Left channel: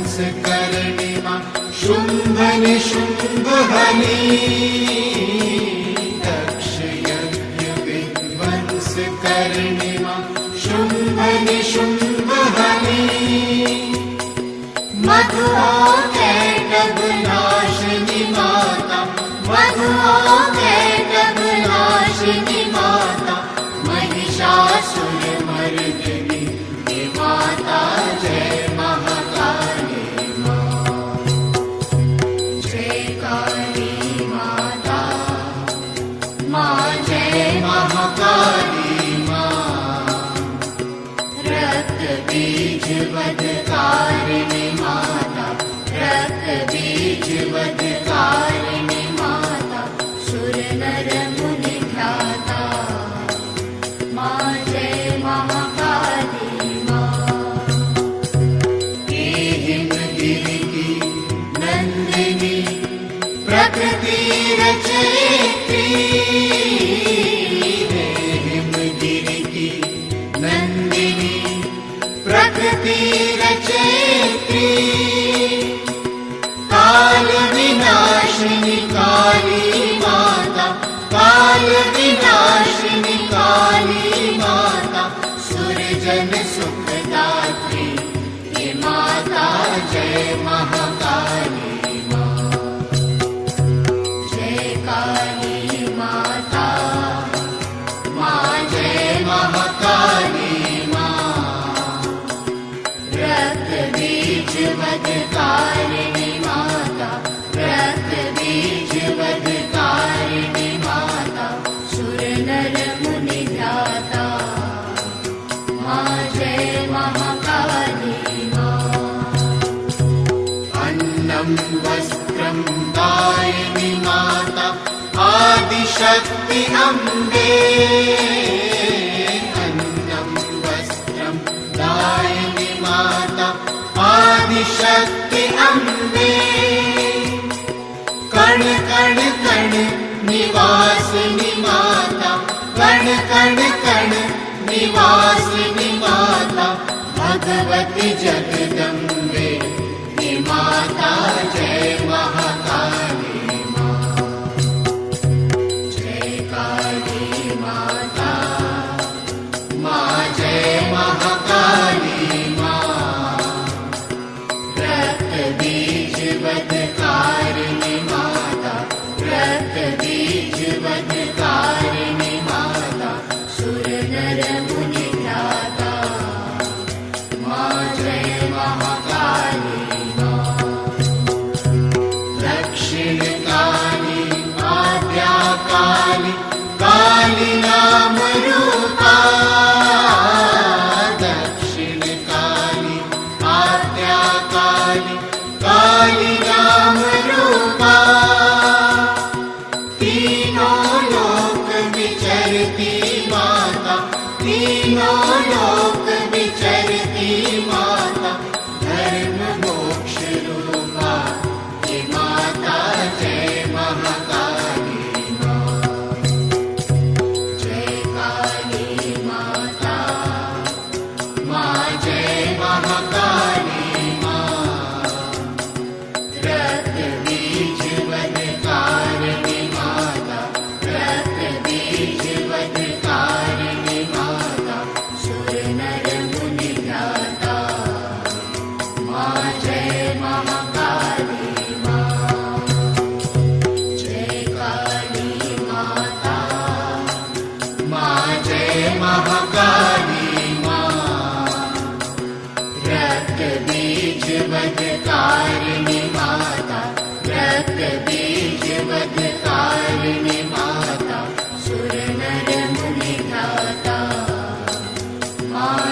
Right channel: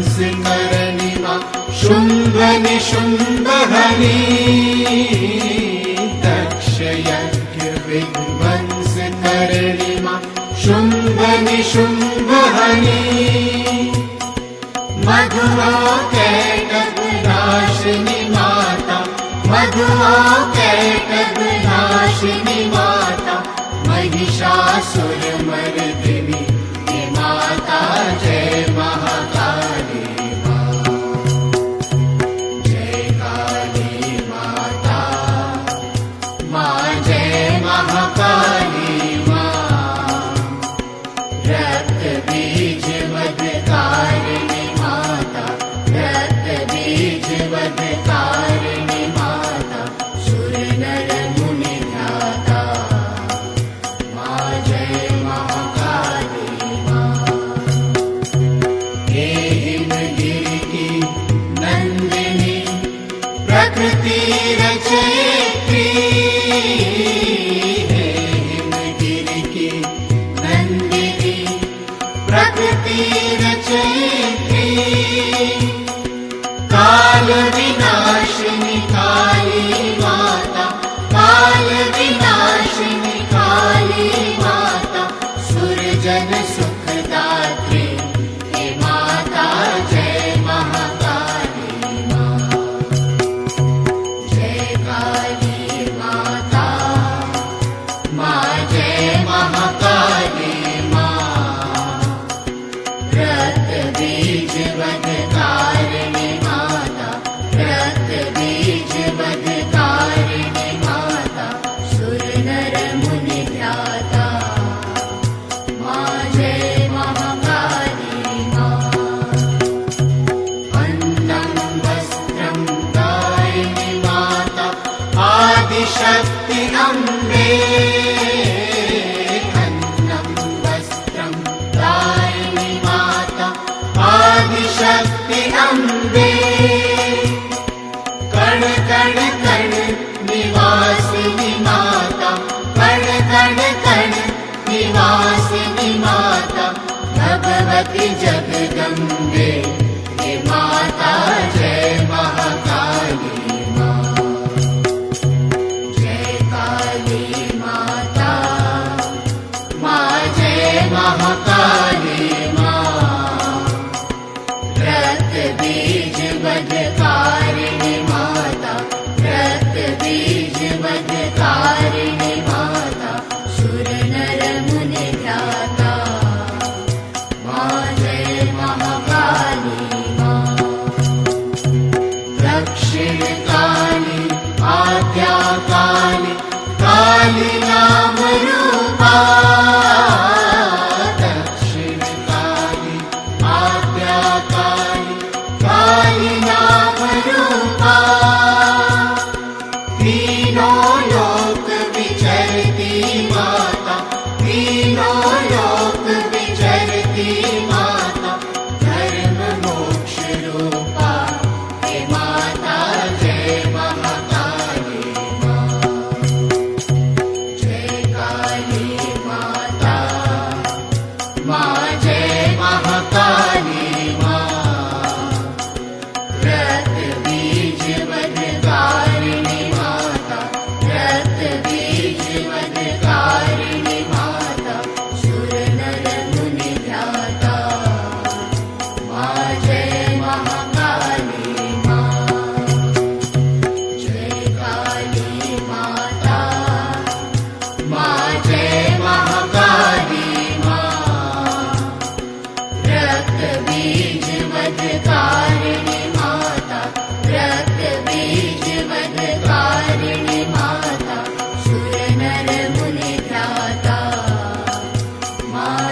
विध्वंसकरणिमा शुम्भनिशुम्भहनी दक्षयज्ञ विध्वंसकरणिमा शुम्भनिशुम्भहनी मधुकैटभनाशिनी माता मधुकैटभनाशिनी माता महिषासुरमर्दिनी माता जय महाकाली माँ जय काली माता माँ जय महाकाली माँ रक्त बीज वधकारिणी माता रक्त बीज वधकारिणी माता सुर नर मुनि ध्याता माँ जय महाकाली प्रकृति रचयित्री हे हिमगिरि की नंदिनी प्रकृति रचयित्री काल विनाशिनी काली माता काल विनाशिनी काली माता सुरजन सुखदात्री हे माता जय महाकाली काली माता माँ जय महाकाली माँ रक्त बीज वधकारिणी माता रक्त बीज वधकारिणी माता सुर नर मुनि ध्याता माँ जय महाकाली माँ अन्नं वस्त्रं दायिनी माता आदिशक्ति अम्बे अन्नं वस्त्रं दायिनी माता आदिशक्ति अम्बे कण कण कण निवासिनी माता कण कण कण निवासिनी माता भगवती जगदम्बे हे माता जय महाकाली महाकाली माँ रक्त बीज वधकारिणी माता रक्त बीज वधकारिणी माता सुर नर मुनि ध्याता माँ जय महाकाली माँ दक्षिण काली आद्या काली काली नाम रूपा काली नाम रूपा तीनों लोक विचरती माता तीनों लोक विचरती माता धर्म मोक्ष रूपा हे माता जय महाकाली माँ जय काली माता माँ जय महाकाली रक्त बीज वधकारिणी माता रक्त बीज वधकारिणी माता सुर मा